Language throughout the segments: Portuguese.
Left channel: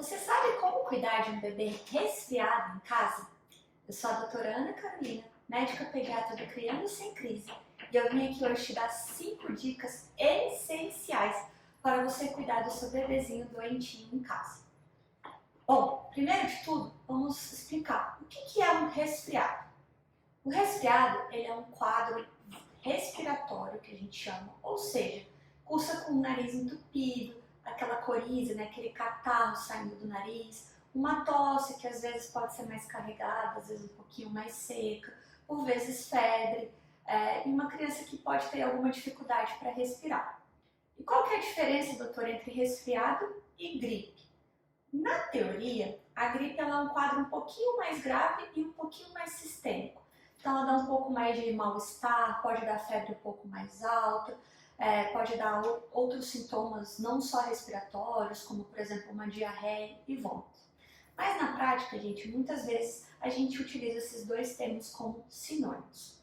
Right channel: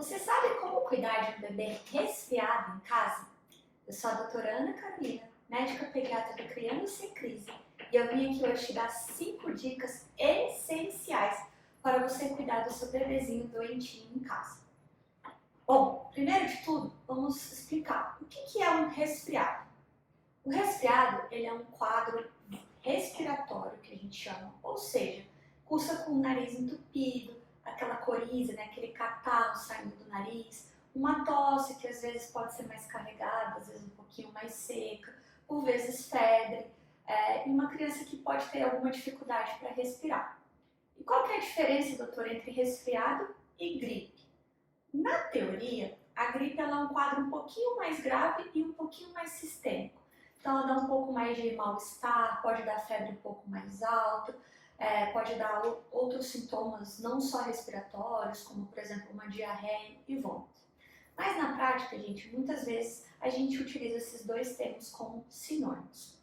Você sabe como cuidar de um bebê resfriado em casa? Eu sou a doutora Ana Carolina, médica pediatra do Criando Sem Crise, e eu vim aqui hoje te dar 5 dicas essenciais para você cuidar do seu bebezinho doentinho em casa. Bom, primeiro de tudo, vamos explicar o que é um resfriado. O resfriado ele é um quadro respiratório que a gente chama, ou seja, cursa com o nariz entupido, aquela coriza, né, aquele catarro saindo do nariz, uma tosse que às vezes pode ser mais carregada, às vezes um pouquinho mais seca, por vezes febre, e uma criança que pode ter alguma dificuldade para respirar. E qual que é a diferença, doutora, entre resfriado e gripe? Na teoria, a gripe ela é um quadro um pouquinho mais grave e um pouquinho mais sistêmico. Então ela dá um pouco mais de mal-estar, pode dar febre um pouco mais alta, pode dar outros sintomas não só respiratórios, como por exemplo uma diarreia e vômito. Mas na prática, gente, muitas vezes a gente utiliza esses dois termos como sinônimos.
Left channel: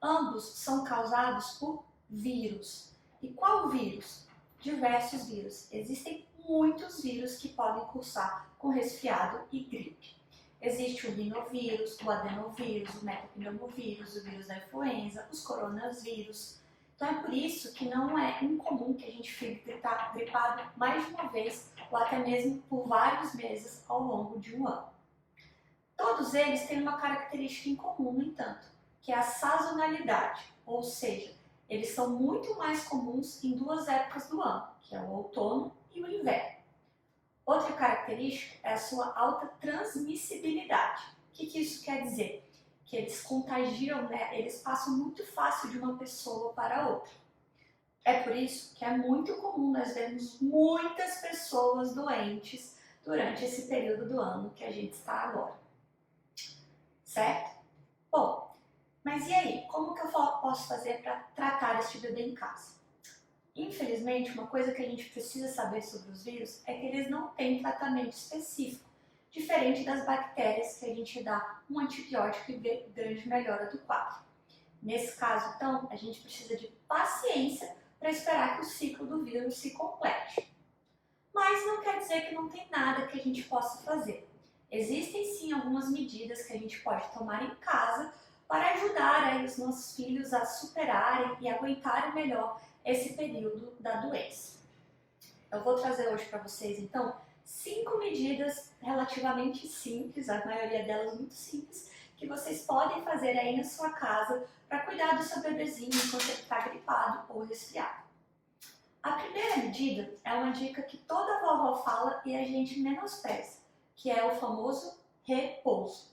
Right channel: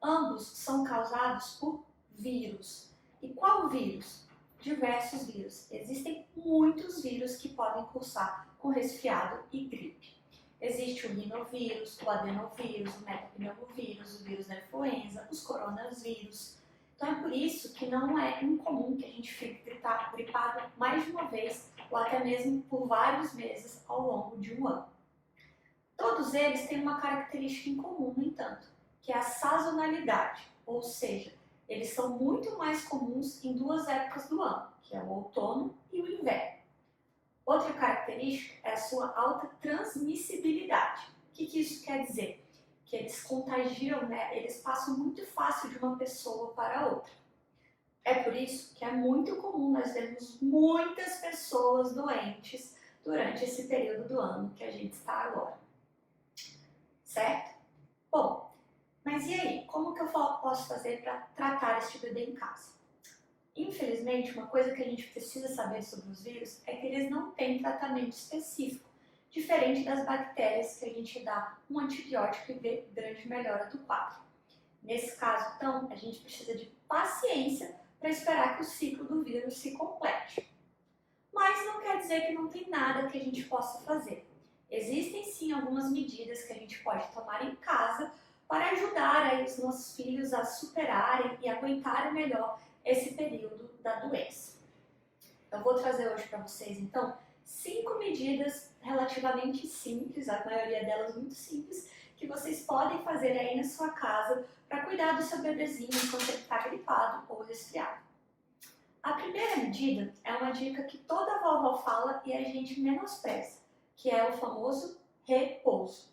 Ambos são causados por vírus. E qual vírus? Diversos vírus. Existem muitos vírus que podem cursar com resfriado e gripe. Existe o rinovírus, o adenovírus, o metapneumovírus, o vírus da influenza, os coronavírus. Então é por isso que não é incomum que a gente fique gripado mais de uma vez ou até mesmo por vários meses ao longo de um ano. Todos eles têm uma característica em comum, no entanto, que é a sazonalidade, ou seja, eles são muito mais comuns em duas épocas do ano, que é o outono e o inverno. Outra característica é a sua alta transmissibilidade. O que isso quer dizer? Que eles contagiam, né? Eles passam muito fácil de uma pessoa para outra. É por isso que é muito comum nós vermos muitas pessoas doentes durante esse período do ano que a gente está agora. Certo? Bom, mas e aí? Como que eu posso fazer para tratar este bebê em casa? Infelizmente, uma coisa que a gente precisa saber sobre os vírus é que eles não têm tratamento específico, diferente das bactérias que a gente dá um antibiótico e vê grande melhora do quadro. Nesse caso, então, a gente precisa de paciência para esperar que o ciclo do vírus se complete. Mas não quer dizer que não tem nada que a gente possa fazer. Existem sim algumas medidas que a gente pode tomar em casa para ajudar aí os nossos filhos a superarem e aguentarem melhor esse período da doença. Eu vou trazer hoje para vocês, então, 5 medidas relativamente simples, a maioria delas muito simples, que vocês podem fazer aí na sua casa para cuidar do seu bebezinho enquanto ele está gripado ou resfriado. A primeira medida é uma dica que toda vovó fala e a gente menospreza, que é o famoso repouso.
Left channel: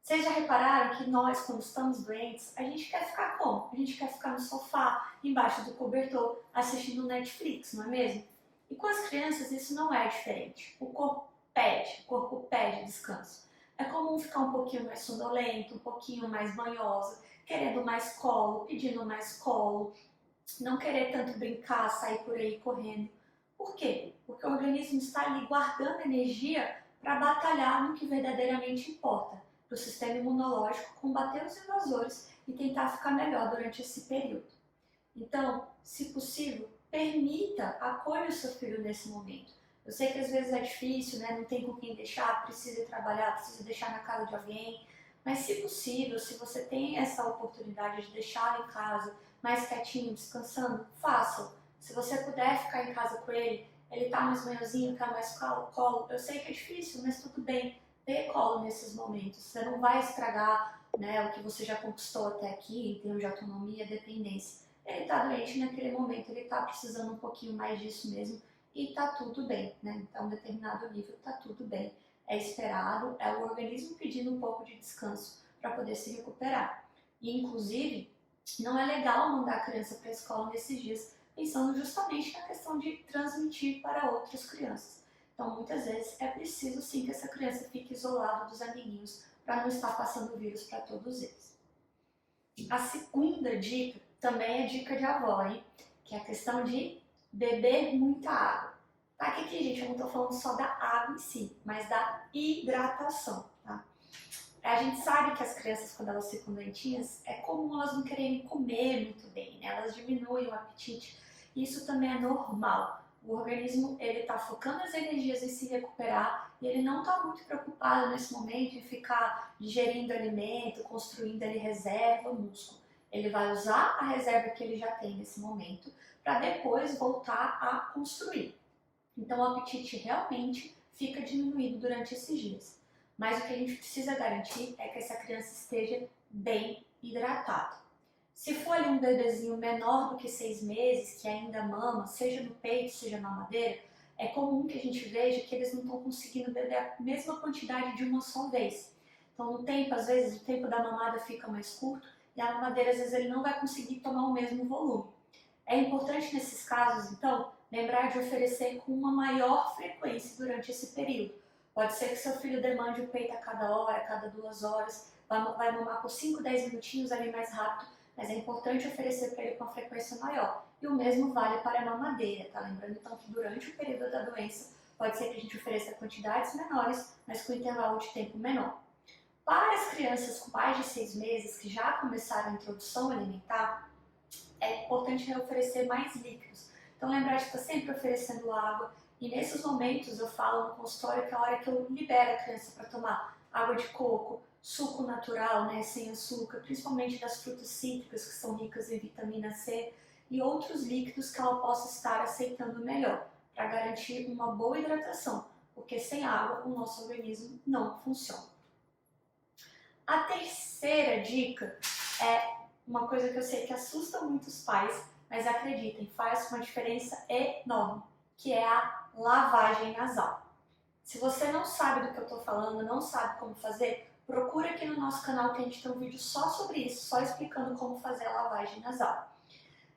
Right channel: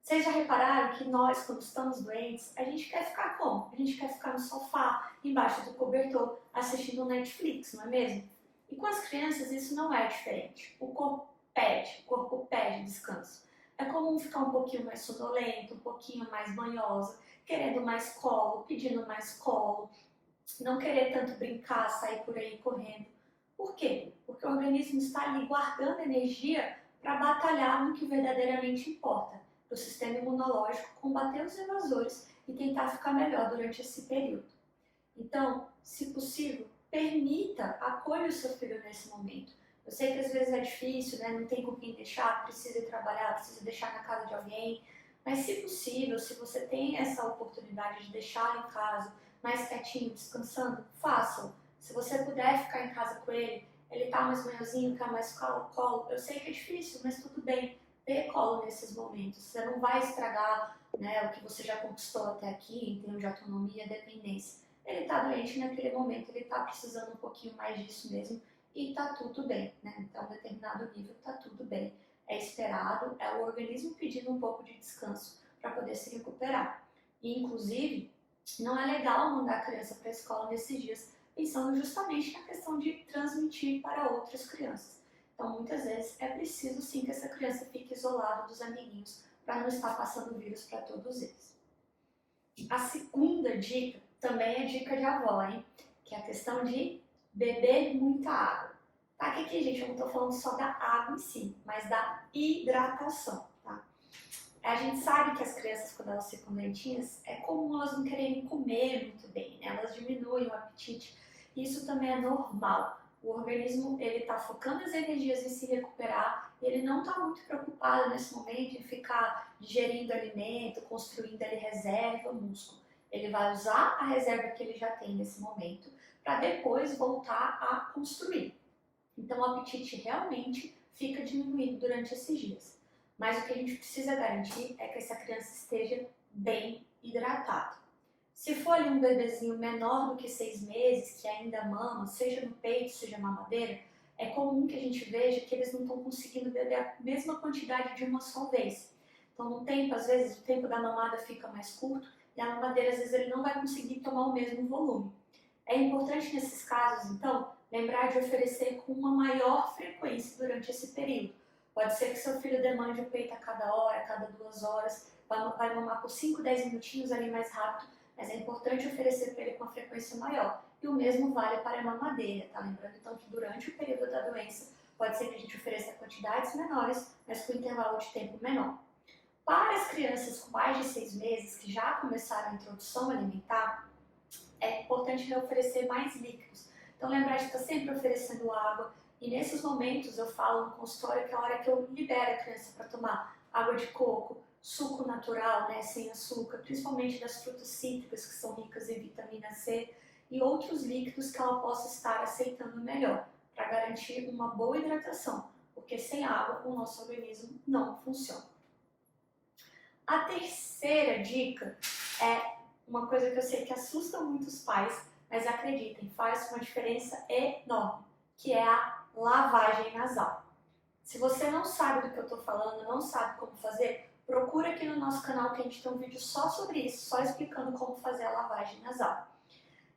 Vocês já repararam que nós, quando estamos doentes, a gente quer ficar como? A gente quer ficar no sofá, embaixo do cobertor, assistindo Netflix, não é mesmo? E com as crianças isso não é diferente. O corpo pede descanso. É comum ficar um pouquinho mais sonolento, um pouquinho mais banhosa, querendo mais colo, pedindo mais colo, não querer tanto brincar, sair por aí correndo. Por quê? Porque o organismo está ali guardando energia para batalhar no que verdadeiramente importa, para o sistema imunológico combater os invasores e tentar ficar melhor durante esse período. Então, se possível, permita, acolha o seu filho nesse momento. Eu sei que às vezes é difícil, né? Não tem com quem deixar, precisa ir trabalhar, precisa deixar na casa de alguém, mas se possível, se você tem essa oportunidade de deixá-lo em casa, mais quietinho, descansando, faça-o. Se você puder ficar em casa com ele, ele tá mais manhãozinho, quer mais colo, eu sei que é difícil, mas tudo bem. Dê colo nesses momentos, você não vai estragar, né, o que você já conquistou até aqui em termos de autonomia e dependência. Ele está doente naquele momento, ele está precisando um pouquinho mais disso mesmo e está tudo bem, né? Então, um determinado nível está tudo bem. É esperado, é o organismo pedindo um pouco de descanso para poder se recuperar. E, inclusive, não é legal mandar a criança para a escola nesses dias, pensando justamente na questão de transmitir para outras crianças. Então, muitas vezes, é preciso sim que essa criança fique isolada dos amiguinhos para não estar passando vírus para todos eles. A segunda dica também é dica de avó, hein? Que é a questão de beber muita água. Tá? Que aqui, gente, eu não estou falando só da água em si, mas da hidratação, tá? A gente sabe que as crianças, quando elas ficam doentinhas, é comum elas não quererem comer muito bem, né? Elas diminuem o apetite. Isso também é normal. O organismo ele está focando as energias em se recuperar e ele não está muito preocupado nesse momento em ficar digerindo alimento, construindo ali reserva, músculo. Ele vai usar a reserva que ele já tem nesse momento para depois voltar a construir. Então o apetite realmente fica diminuído durante esses dias. Mas o que a gente precisa garantir é que essa criança esteja bem hidratada. Se for ali um bebezinho menor do que 6 meses, que ainda mama, seja no peito, seja na mamadeira, é comum que a gente veja que eles não estão conseguindo beber a mesma quantidade de uma só vez. Então, no tempo, às vezes, o tempo da mamada fica mais curto e a mamadeira, às vezes, ele não vai conseguir tomar o mesmo volume. É importante, nesses casos, então, lembrar de oferecer com uma maior frequência durante esse período. Pode ser que seu filho demande o peito a cada hora, a cada 2 horas, vai mamar por 5, 10 minutinhos ali mais rápido, mas é importante oferecer para ele com uma frequência maior. E o mesmo vale para a mamadeira, tá? Lembrando então que durante o período da doença, pode ser que a gente ofereça quantidades menores, mas com intervalo de tempo menor. Para as crianças com mais de 6 meses, que já começaram a introdução alimentar, é importante oferecer mais líquidos. Então lembrar de estar sempre oferecendo água, e nesses momentos eu falo no consultório que é a hora que eu libero a criança para tomar água de coco, suco natural, né, sem açúcar, principalmente das frutas cítricas que são ricas em vitamina C e outros líquidos que ela possa estar aceitando melhor, para garantir uma boa hidratação, porque sem água o nosso organismo não funciona. A terceira dica é uma coisa que eu sei que assusta muitos pais, mas acreditem, faz uma diferença enorme, que é a lavagem nasal. Se você não sabe do que eu estou falando, não sabe como fazer, procura aqui no nosso canal que a gente tem um vídeo só sobre isso, só explicando como fazer a lavagem nasal.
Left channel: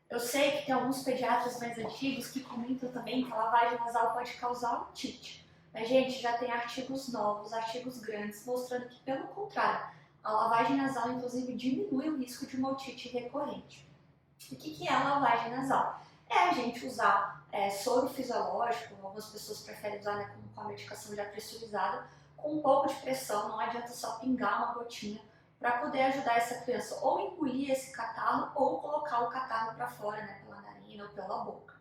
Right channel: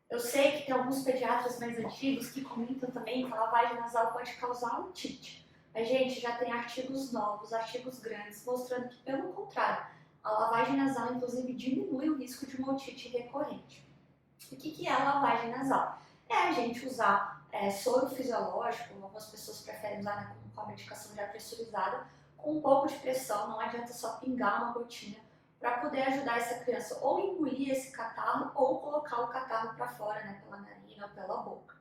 Eu sei que tem alguns pediatras mais antigos que comentam também que a lavagem nasal pode causar otite. Mas, gente, já tem artigos novos, artigos grandes, mostrando que, pelo contrário, a lavagem nasal, inclusive, diminui o risco de uma otite recorrente. O que é a lavagem nasal? É a gente usar soro fisiológico, algumas pessoas preferem usar, né, com a medicação já pressurizada, com um pouco de pressão, não adianta só pingar uma gotinha, para poder ajudar essa criança ou engolir esse catarro ou colocar o catarro para fora, né, pela narina ou pela boca.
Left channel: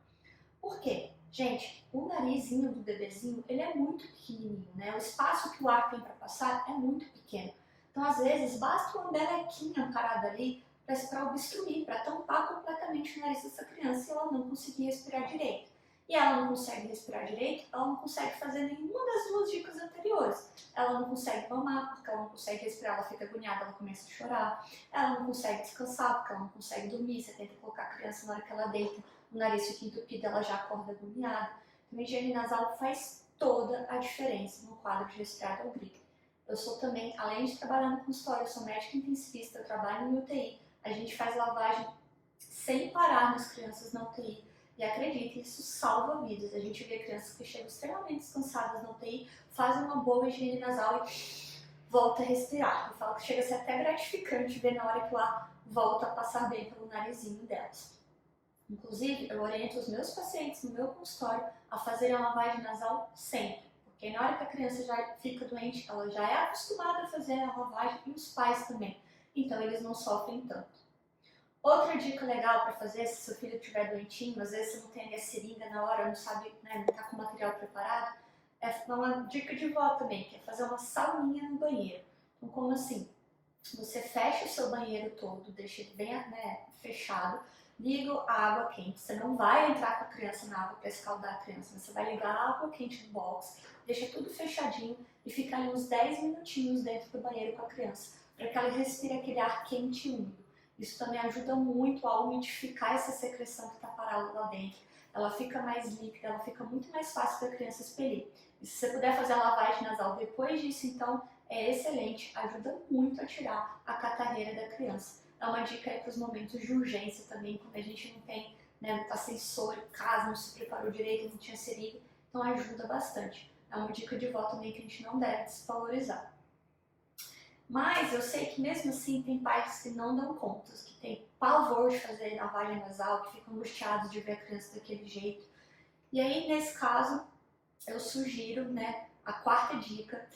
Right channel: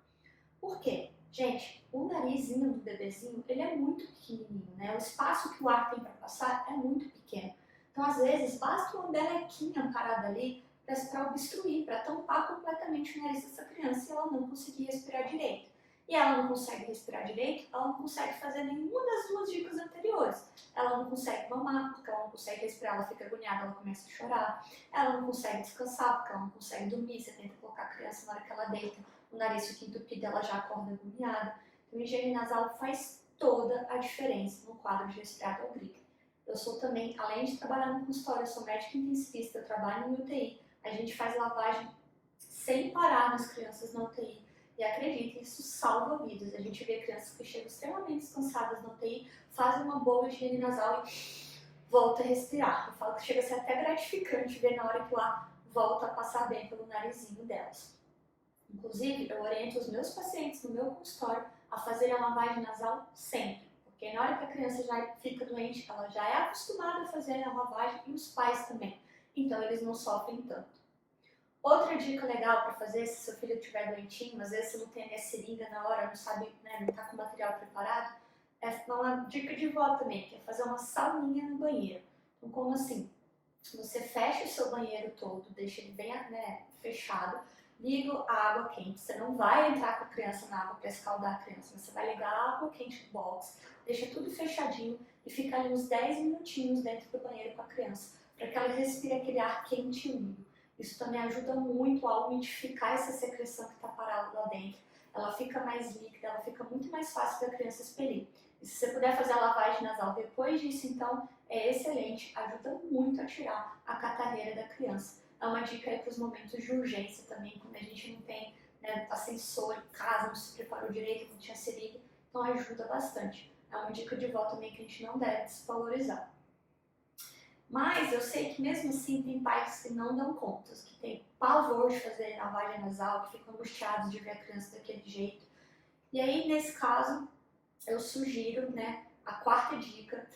Por quê? Gente, o narizinho do bebezinho, ele é muito pequenininho, né? O espaço que o ar tem para passar é muito pequeno. Então, às vezes, basta uma melequinha parada ali para obstruir, para tampar completamente o nariz dessa criança e ela não conseguir respirar direito. E ela não consegue respirar direito, ela não consegue fazer nenhuma das duas dicas anteriores. Ela não consegue mamar, porque ela não consegue respirar, ela fica agoniada, ela começa a chorar. Ela não consegue descansar, porque ela não consegue dormir. Você tenta colocar a criança na hora que ela deita, o nariz fica entupido, ela já acorda agoniada. Então, a higiene nasal faz toda a diferença no quadro de resfriado ou gripe. Eu sou também, além de trabalhar no consultório, eu sou médica intensivista, eu trabalho no UTI. A gente faz lavagem sem parar nas crianças na UTI. E acredite, isso salva vidas. A gente vê crianças que chegam extremamente descansadas na UTI, fazem uma boa higiene nasal e volta a respirar. Eu falo que chega a ser até gratificante ver na hora que o ar volta a passar bem pelo narizinho delas. Inclusive, eu oriento os meus pacientes no meu consultório a fazerem a lavagem nasal sempre. Porque na hora que a criança já fica doente, ela já é acostumada a fazer a lavagem e os pais também. Então, eles não sofrem tanto. Outra dica legal para fazer, se seu filho estiver doentinho, às vezes você não tem a seringa na hora, não sabe, né, não está com o material preparado, é uma dica de vó também, que é fazer uma sauninha no banheiro. Então, como assim? Você fecha o seu banheiro todo, deixa ele bem, né, fechado, liga a água quente. Você não vai entrar com a criança na água para escaldar a criança, mas você vai ligar a água quente no box, deixa tudo fechadinho e fica ali uns 10 minutinhos dentro do banheiro com a criança, para que ela respire aquele ar quente e úmido. Isso também ajuda muito a umidificar essa secreção que está parada lá dentro. Ela fica mais líquida, ela fica muito mais fácil para a criança expelir. E se você puder fazer a lavagem nasal depois disso, então, é excelente, ajuda muito a tirar a catarreira da criança. É uma dica aí para os momentos de urgência também, quando a gente não tem, né, assessor em casa, não se preparou direito, não tinha seringa, então ajuda bastante. É uma dica de vó também que a gente não deve desvalorizar. Mas eu sei que mesmo assim tem pais que não dão conta, que tem pavor de fazer lavagem nasal, que ficam angustiados de ver a criança daquele jeito. E aí, nesse caso, eu sugiro, né, a quarta dica,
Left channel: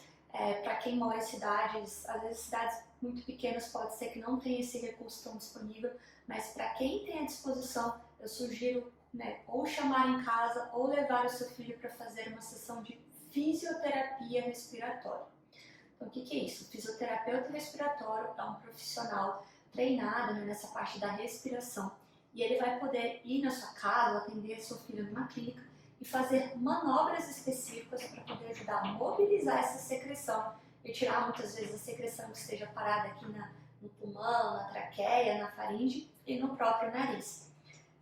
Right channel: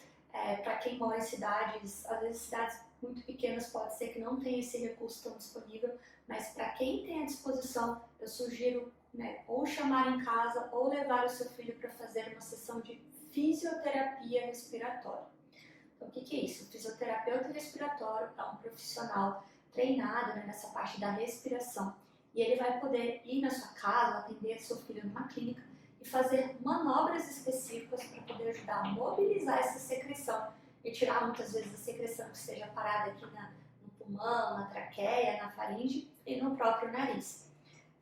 para quem mora em cidades, às vezes cidades muito pequenas pode ser que não tenha esse recurso tão disponível, mas para quem tem à disposição, eu sugiro né, ou chamar em casa ou levar o seu filho para fazer uma sessão de fisioterapia respiratória. Então, o que é isso? O fisioterapeuta respiratório é um profissional treinado, né, nessa parte da respiração, e ele vai poder ir na sua casa, atender seu filho numa clínica e fazer manobras específicas para poder ajudar a mobilizar essa secreção e tirar muitas vezes a secreção que esteja parada aqui no pulmão, na traqueia, na faringe e no próprio nariz.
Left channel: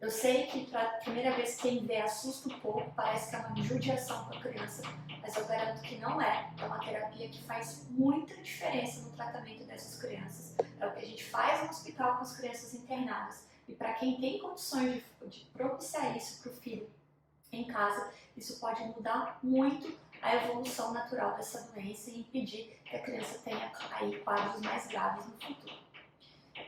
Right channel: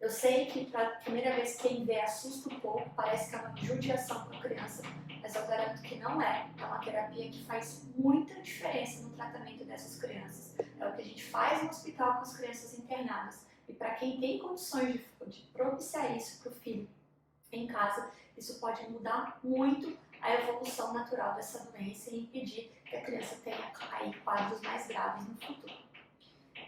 Eu sei que para a primeira vez quem vê assusta um pouco, parece que é uma judiação com a criança, mas eu garanto que não é. É uma terapia que faz muita diferença no tratamento dessas crianças. É o que a gente faz no hospital com as crianças internadas. E para quem tem condições de propiciar isso para o filho em casa, isso pode mudar muito a evolução natural dessa doença e impedir que a criança tenha aí quadros mais graves no futuro.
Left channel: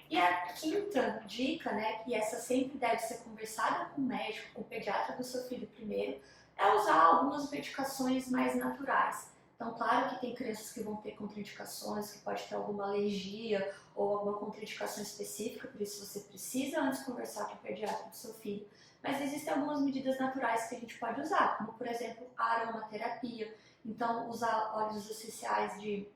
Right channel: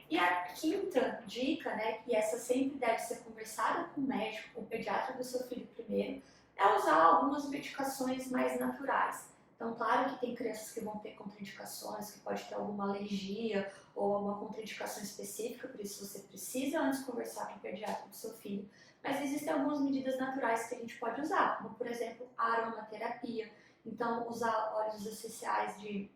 E a quinta dica, né, que essa sempre deve ser conversada com o médico, com o pediatra do seu filho primeiro, é usar algumas medicações mais naturais. Então, claro que tem crianças que vão ter contraindicações, que pode ter alguma alergia ou alguma contraindicação específica, por isso você precisa antes conversar com o pediatra do seu filho. Mas existem algumas medidas naturais que a gente pode usar, como por exemplo a aromaterapia. Então, usar óleos essenciais de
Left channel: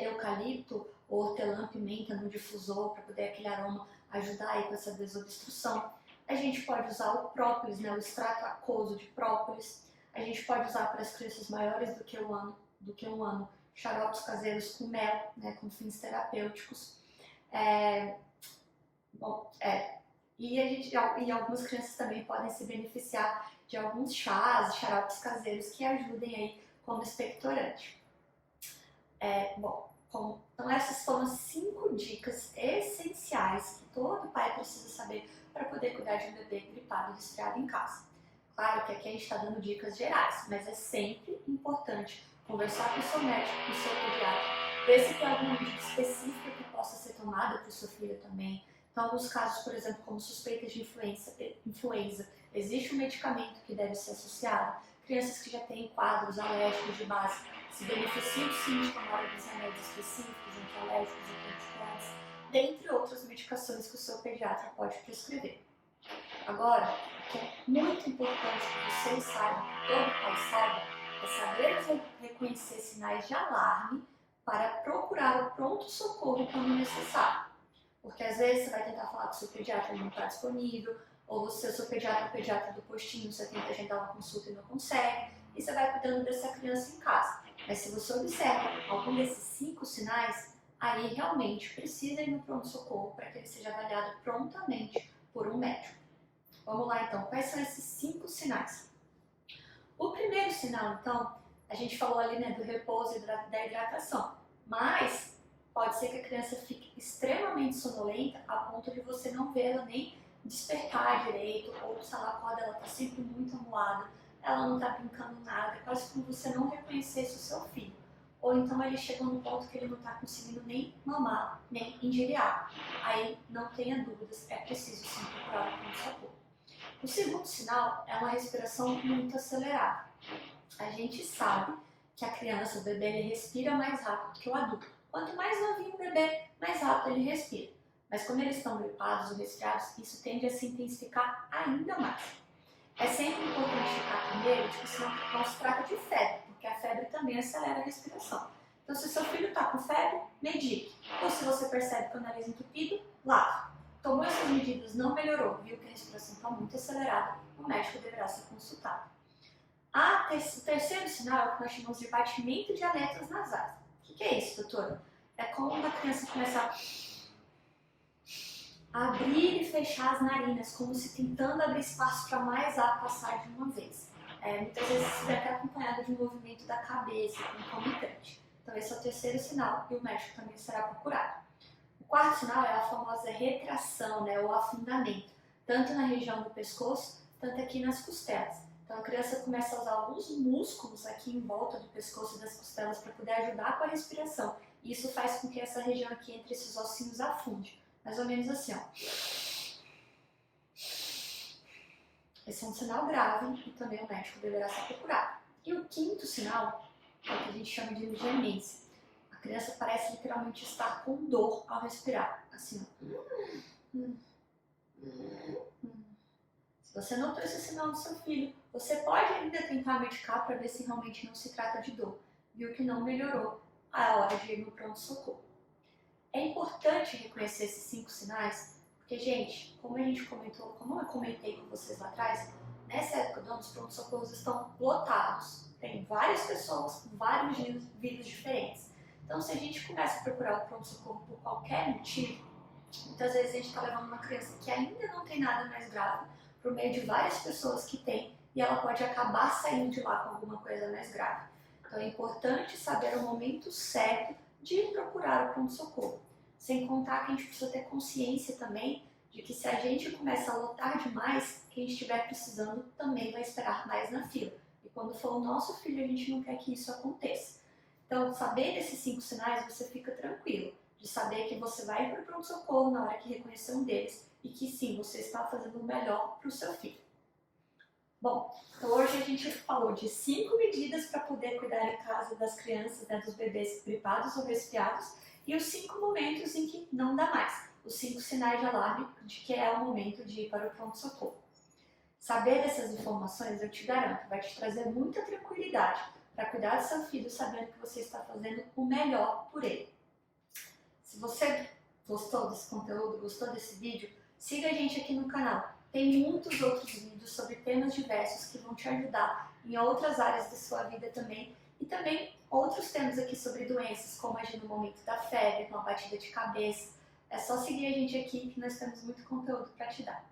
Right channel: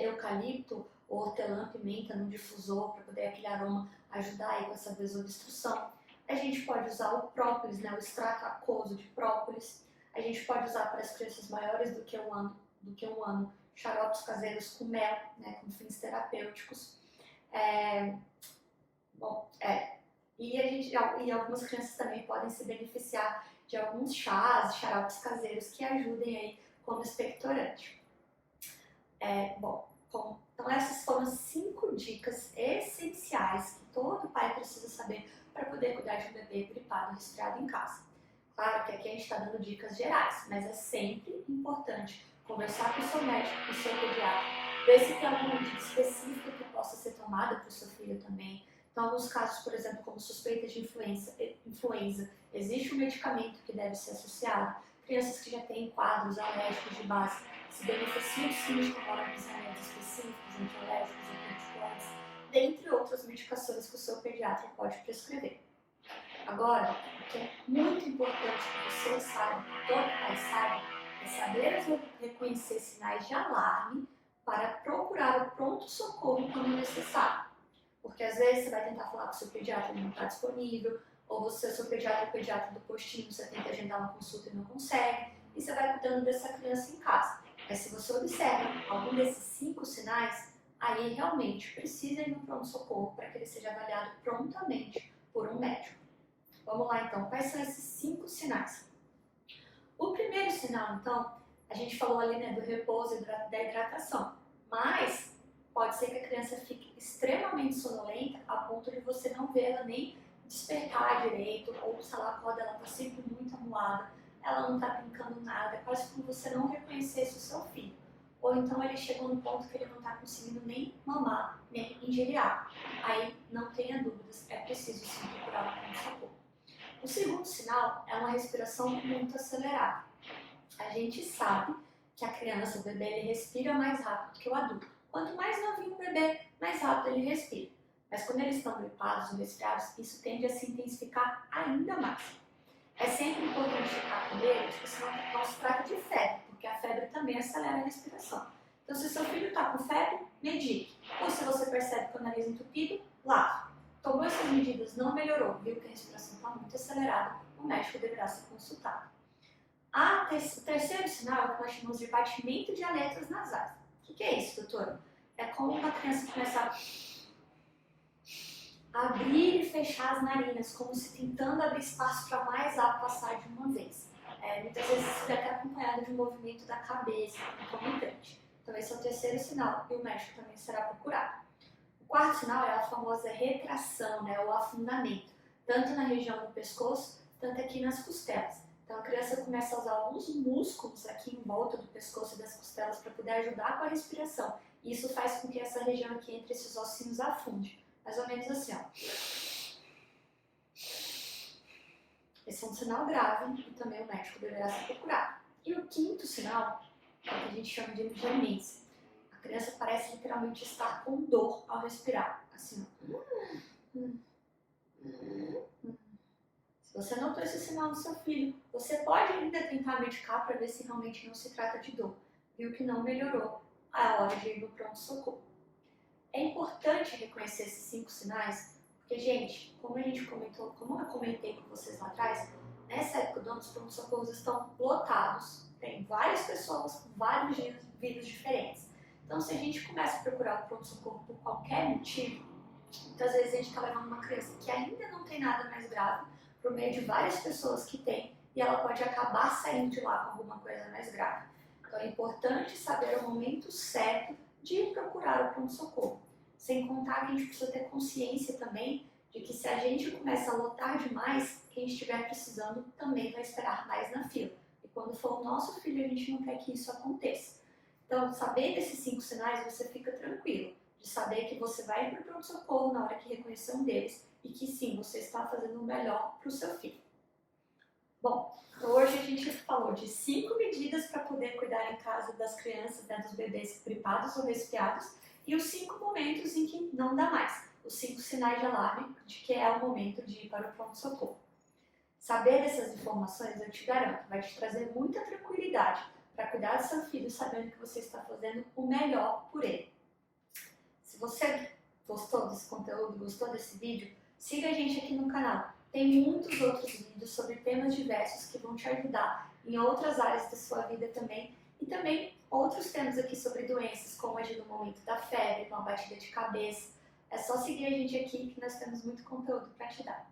eucalipto ou hortelã-pimenta no difusor para poder aquele aroma ajudar aí com essa desobstrução. A gente pode usar o própolis, né, o extrato aquoso de própolis. A gente pode usar para as crianças maiores do que um ano xaropes caseiros com mel, né, com fins terapêuticos. E algumas crianças também podem se beneficiar de alguns chás e xaropes caseiros que ajudem aí como expectorante. Então essas foram as 5 dicas essenciais que todo pai precisa saber para poder cuidar de um bebê gripado ou resfriado em casa. Claro que aqui a gente está dando dicas gerais, mas é sempre importante conversar com o seu médico, com o seu pediatra, ver se tem alguma medida específica que possa ser tomada para o seu filho também. Então, alguns casos, por exemplo, como suspeita de influenza, existe um medicamento que deve ser associado. Crianças que já têm quadros alérgicos de base se beneficiam sim de tomar alguns remédios específicos, antialérgicos ou anticoagulantes, dentre outras medicações que o seu pediatra pode prescrever. Agora, o que é muito importante que você saiba, que todo pai saiba, é saber reconhecer sinais de alarme para procurar o pronto-socorro quando necessário. Porque às vezes você vai tentar falar com o seu pediatra e ele não está disponível, ou você, o seu pediatra é o pediatra do postinho, você tenta agendar uma consulta e não consegue, e você vai cuidando dessa criança em casa. Mas se você observa algum desses 5 sinais, aí realmente precisa ir no pronto-socorro para que ele seja avaliado prontamente por um médico. Vamos lá então, quais são esses 5 sinais? O primeiro sinal, então, a gente falou ali, né, do repouso e da hidratação, mas pode ser que a criança fique extremamente sonolenta a ponto de você não vê-la nem despertar direito, ou se ela acorda, ela está sempre muito amuada, ela não está brincando nada, é quase como você não reconhecesse o seu filho. Ou então ele chegou no ponto que ele não está conseguindo nem mamar, nem ingerir água. Aí não tenha dúvidas, é preciso sim procurar o pronto-socorro. O segundo sinal é uma respiração muito acelerada. A gente sabe que a criança, o bebê, ele respira mais rápido que o adulto. Quanto mais novinho o bebê, mais rápido ele respira. Mas quando eles estão gripados ou resfriados, isso tende a se intensificar ainda mais. É sempre importante ficar com ele, senão não se trata de febre, porque a febre também acelera a respiração. Então, se seu filho está com febre, medique. Ou se você percebe que o nariz entupido, lave. Tomou essas medidas, não melhorou, viu que a respiração está muito acelerada, o médico deverá ser consultado. O terceiro sinal é o que nós chamamos de batimento de aletas nasais. O que é isso, doutora? É como uma criança começa a abrir e fechar as narinas, como se tentando abrir espaço para mais ar passar de uma vez. Muitas vezes isso é até acompanhado de um movimento da cabeça, concomitante. Então esse é o terceiro sinal e o médico também será procurado. O quarto sinal é a famosa retração, né, ou afundamento, tanto na região do pescoço, tanto aqui nas costelas. Então a criança começa a usar alguns músculos aqui em volta do pescoço e das costelas para poder ajudar com a respiração. E isso faz com que essa região aqui entre esses ossinhos afunde. Mais ou menos assim, ó. Esse é um sinal grave e também o médico deverá ser procurado. E o quinto sinal é o que a gente chama de gemência. A criança parece literalmente estar com dor ao respirar. Assim, ó. Você Se você notou esse sinal no seu filho, você pode ainda tentar medicar para ver se realmente não se trata de dor. Viu que não melhorou, a hora de ir no pronto-socorro. É importante reconhecer esses 5 sinais, porque, gente, como eu comentei com vocês lá atrás, nessa época do ano os pronto-socorros estão lotados, tem várias pessoas com vários vírus diferentes. Então, se a gente começa a procurar o pronto-socorro por qualquer motivo, muitas vezes a gente está levando uma criança que ainda não tem nada mais grave por meio de várias pessoas que tem e ela pode acabar saindo de lá com alguma coisa mais grave. Então é importante saber o momento certo de procurar o pronto-socorro. Sem contar que a gente precisa ter consciência também de que se a gente começa a lotar demais, quem estiver precisando também vai esperar mais na fila. E quando for o nosso filho, a gente não quer que isso aconteça. Então, saber desses 5 sinais, você fica tranquilo de saber que você vai para o pronto-socorro na hora que reconhecer um deles e que sim, você está fazendo o melhor para o seu filho. Bom, então hoje a gente falou de 5 medidas para poder cuidar em casa das crianças, né, dos bebês gripados ou resfriados e os 5 momentos em que não dá mais, os 5 sinais de alarme de que é o momento de ir para o pronto-socorro. Saber dessas informações, eu te garanto, vai te trazer muita tranquilidade para cuidar do seu filho sabendo que você está fazendo o melhor por ele. Se você gostou desse conteúdo, gostou desse vídeo, siga a gente aqui no canal. Tem muitos outros vídeos sobre temas diversos que vão te ajudar em outras áreas da sua vida também. E também outros temas aqui sobre doenças, como agir no momento da febre, com a batida de cabeça. É só seguir a gente aqui que nós temos muito conteúdo para te dar.